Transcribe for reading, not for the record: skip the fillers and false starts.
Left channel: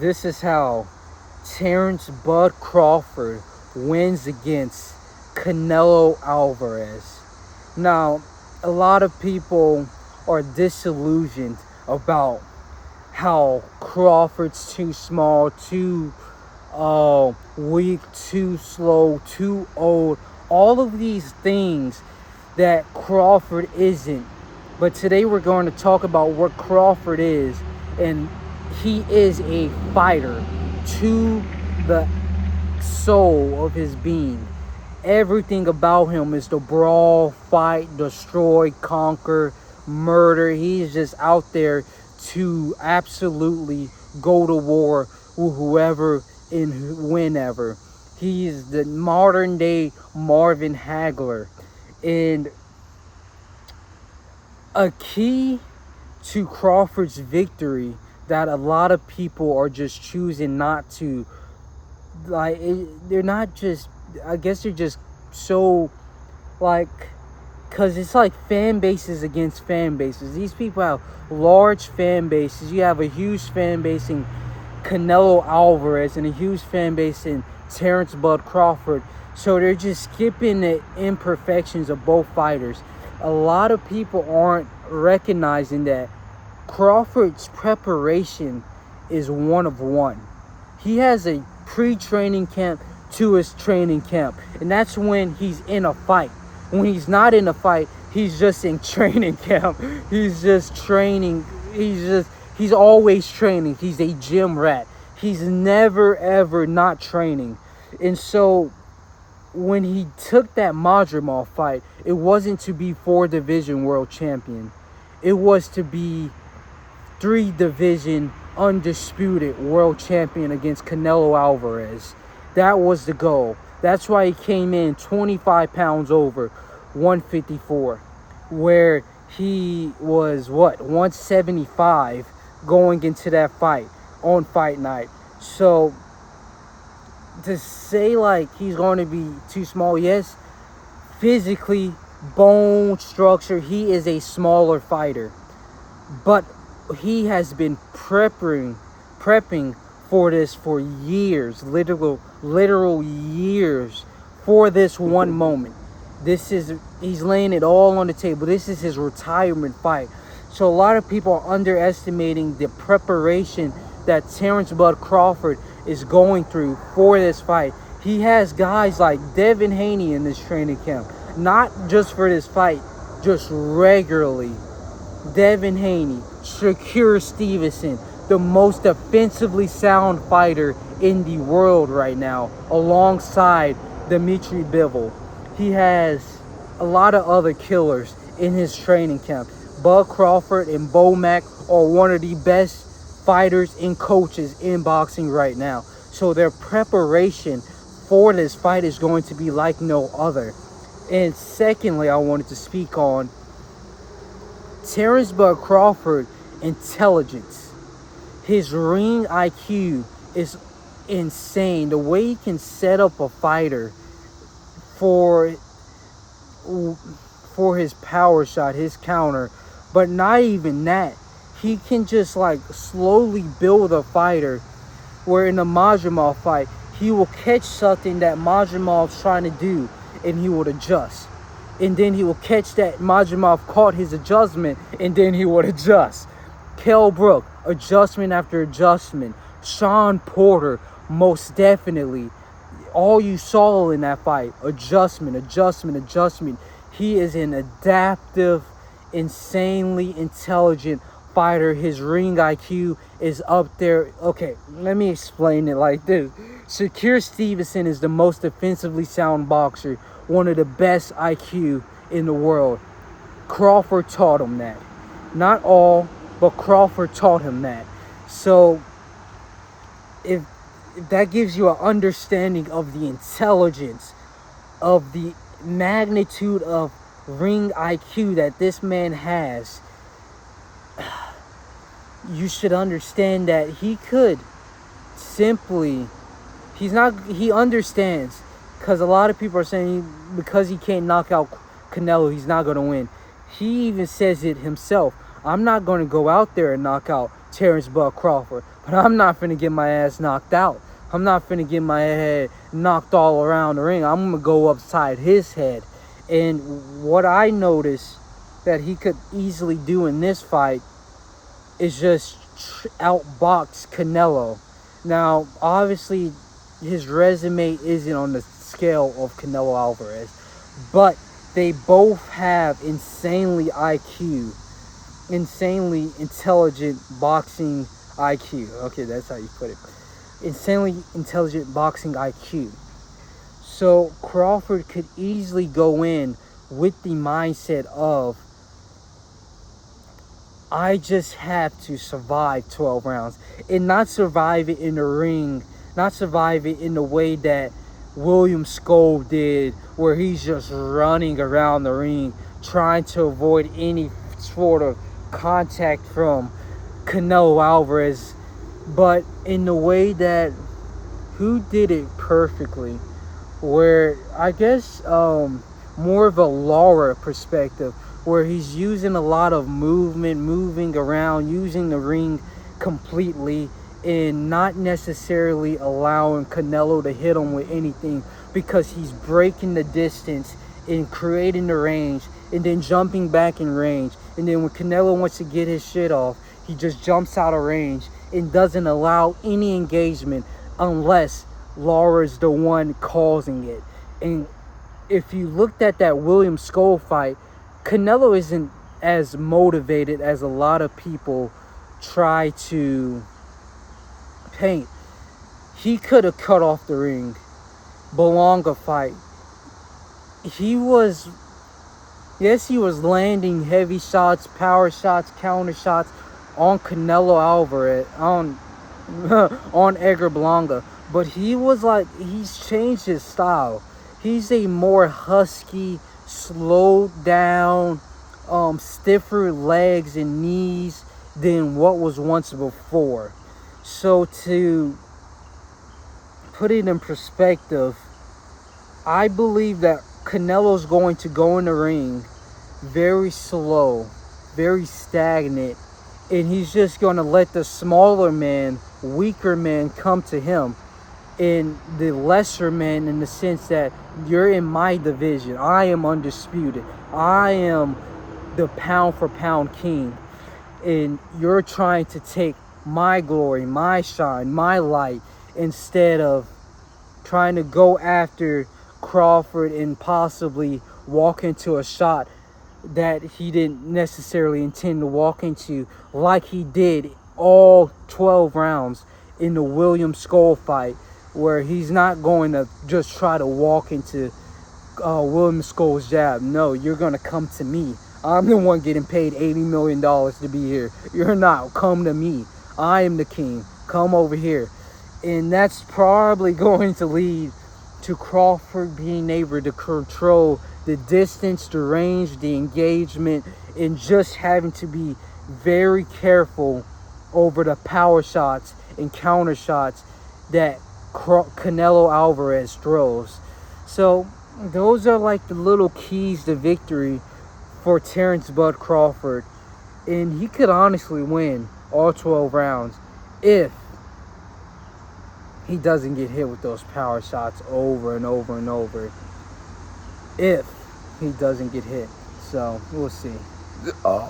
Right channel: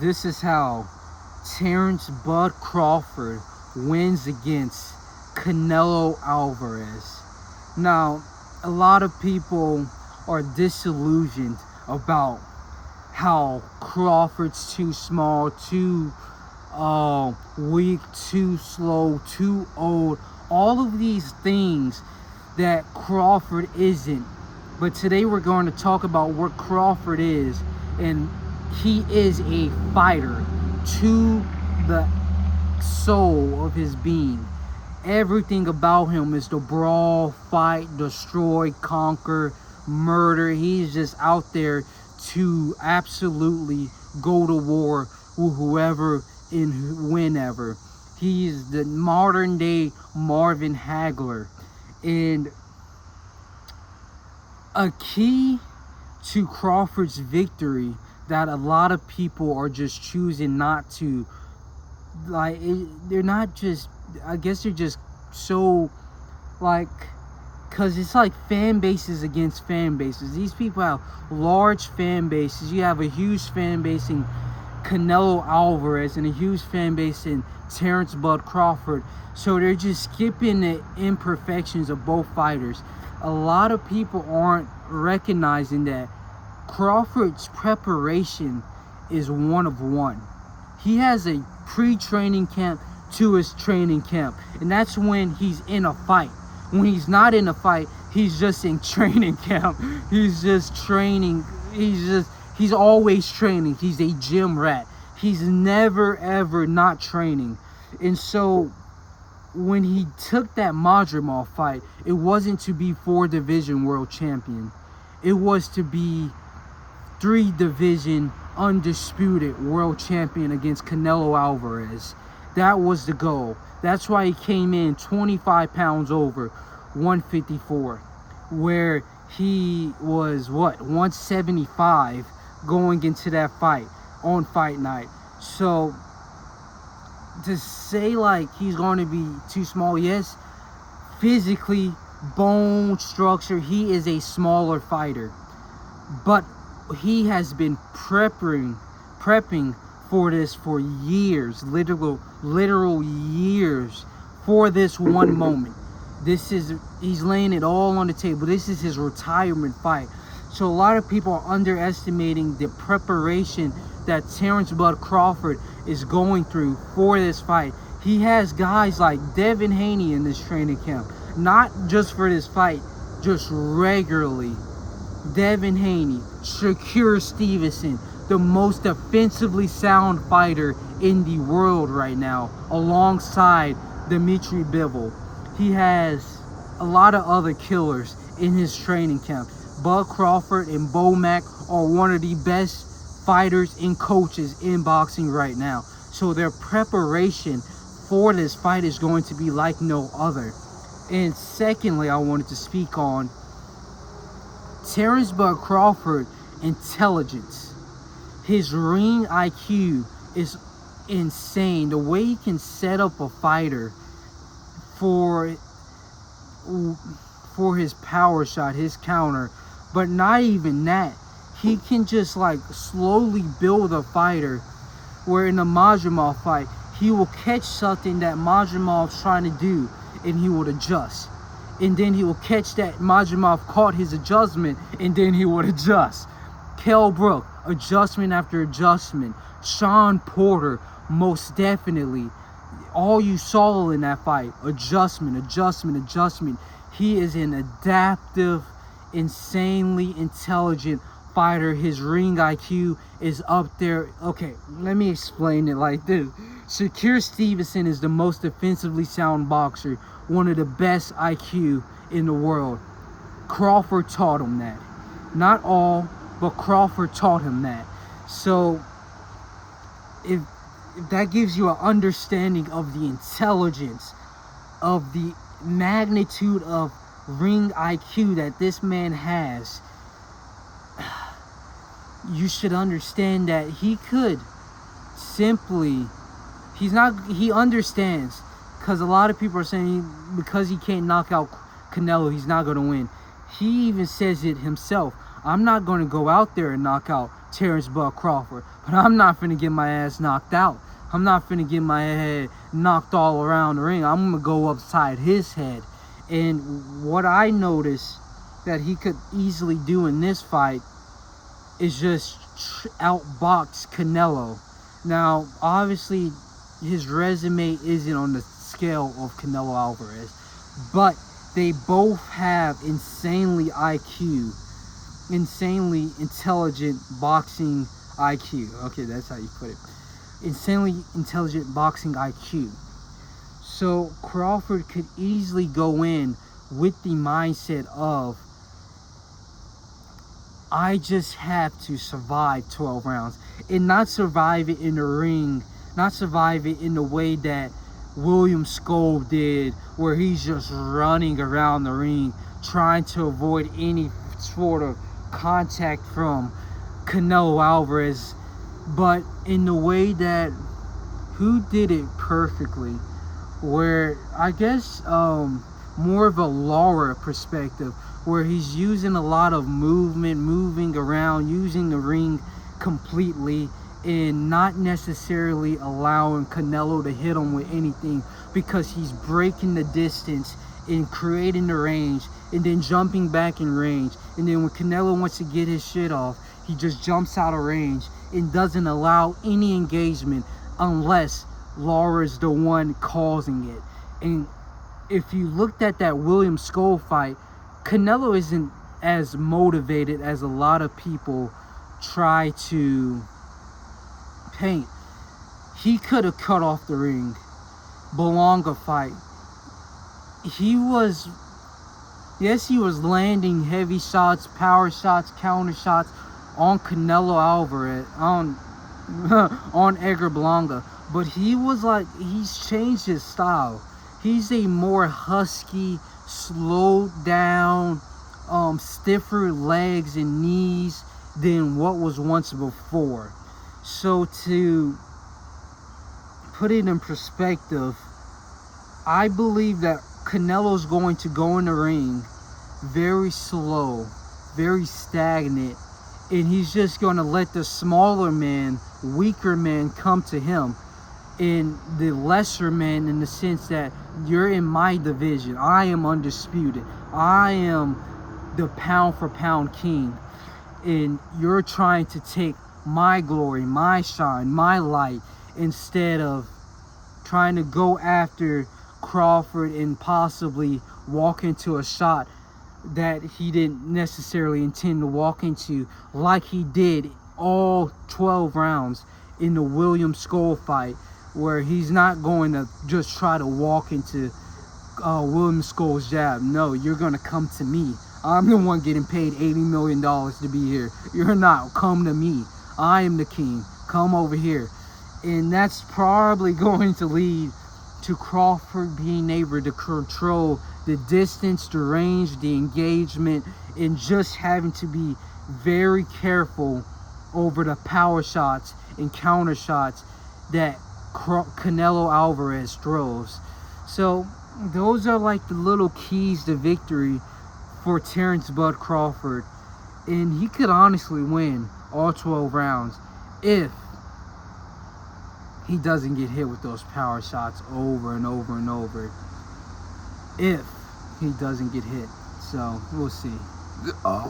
This is how Terence Bud Crawford wins against Canelo Alvarez. Now, a lot of people are disillusioned about how Crawford's too small, too weak, too slow, too old. All of these things that Crawford isn't. But today we're going to talk about what Crawford is, and he is a fighter to the soul of his being. Everything about him is to brawl, fight, destroy, conquer, murder. He's just out there to absolutely go to war with whoever and whenever. He's the modern day Marvin Hagler. And a key to Crawford's victory that a lot of people are just choosing not to, like, they're not just, I guess they're just so, like, because it's like fan bases against fan bases. These people have large fan bases. You have a huge fan base in Canelo Alvarez and a huge fan base in Terence Bud Crawford. So they're just skipping the imperfections of both fighters. A lot of people aren't recognizing that Crawford's preparation is one of one. He has a pre-training camp to his training camp, and that's when he's in a fight. When he's not in a fight, he's just in training camp. He's just training. He's always training. He's a gym rat. He's never ever not training. And so when he took that Madrimov fight, it wasn't to be 4-division world champion. It was to be 3-division undisputed world champion against Canelo Alvarez. That was the goal. That's why he came in 25 pounds over 154, where he was 175 going into that fight on fight night. So to say like he's going to be too small, yes, physically, bone structure, he is a smaller fighter, but he has been prepping for this for years, literal years, for this one moment. He's laying it all on the table. This is his retirement fight. So a lot of people are underestimating the preparation that Terence Bud Crawford is going through for this fight. He has guys like Devin Haney in this training camp, not just for this fight, just regularly. Devin Haney, Shakur Stevenson, the most defensively sound fighter in the world right now, alongside Dimitri Bivol. He has a lot of other killers in his training camp. Bud Crawford and Bo Mack are one of the best fighters and coaches in boxing right now. So their preparation for this fight is going to be like no other. And secondly, I wanted to speak on Terence Bud Crawford intelligence. His ring IQ is insane. The way he can set up a fighter for his power shot, his counter, but not even that. He can just like slowly build a fighter, where in the Madrimov fight, he will catch something that Madrimov's trying to do and he would adjust. And then he will catch that Madrimov caught his adjustment and then he would adjust. Kell Brook, adjustment after adjustment. Sean Porter, most definitely. All you saw in that fight, adjustment. He is an adaptive, insanely intelligent fighter. His ring IQ is up there. Okay, let me explain it like this. Shakur Stevenson is the most defensively sound boxer, one of the best IQ in the world. Crawford taught him that. Not all, but Crawford taught him that. So if that gives you an understanding of the intelligence, of the magnitude of ring IQ that this man has, you should understand that he could simply, he understands, because a lot of people are saying because he can't knock out Canelo, he's not going to win. He even says it himself. I'm not going to go out there and knock out Terence Bud Crawford. But I'm not finna get my ass knocked out. I'm not finna get my head knocked all around the ring. I'm gonna go upside his head. And what I noticed that he could easily do in this fight is just outbox Canelo. Now, obviously, his resume isn't on the scale of Canelo Alvarez, but they both have insanely intelligent boxing IQ. Okay, that's how you put it. Insanely intelligent boxing IQ. So Crawford could easily go in with the mindset of, I just have to survive 12 rounds and not survive it in the ring, not survive it in the way that William Skov did, where he's just running around the ring trying to avoid any sort of contact from Canelo Alvarez, but in the way that who did it perfectly, where I guess more of a Lara perspective, where he's using a lot of movement, moving around, using the ring completely, and not necessarily allowing Canelo to hit him with anything, because he's breaking the distance and creating the range and then jumping back in range. And then when Canelo wants to get his shit off, he just jumps out of range and doesn't allow any engagement unless Lara's the one causing it. And if you looked at that William Skov fight, Canelo isn't as motivated as a lot of people try to paint. He could have cut off the ring. Belonga fight, he was landing heavy shots, power shots, counter shots on Canelo Alvarez, on Edgar Berlanga, but he's changed his style. He's a more husky, slowed down, stiffer legs and knees than what was once before. So to put it in perspective, I believe that Canelo's going to go in the ring very slow, very stagnant, and he's just going to let the smaller man, weaker man come to him, and the lesser man, in the sense that you're in my division, I am undisputed, I am the pound for pound king, and you're trying to take my glory, my shine, my light, instead of trying to go after Crawford and possibly walk into a shot that he didn't necessarily intend to walk into, like he did all 12 rounds in the William Skov fight, where he's not going to just try to walk into William Skov's jab. No, you're going to come to me. I'm the one getting paid $80 million to be here. You're not. Come to me. I am the king. Come over here. And that's probably going to lead to Crawford being able to control the distance, the range, the engagement, and just having to be very careful over the power shots and counter shots that Canelo Alvarez throws. So those are like the little keys to victory for Terence Bud Crawford, and he could honestly win all 12 rounds if he doesn't get hit with those power shots over and over and over. If he doesn't get hit. So we'll see.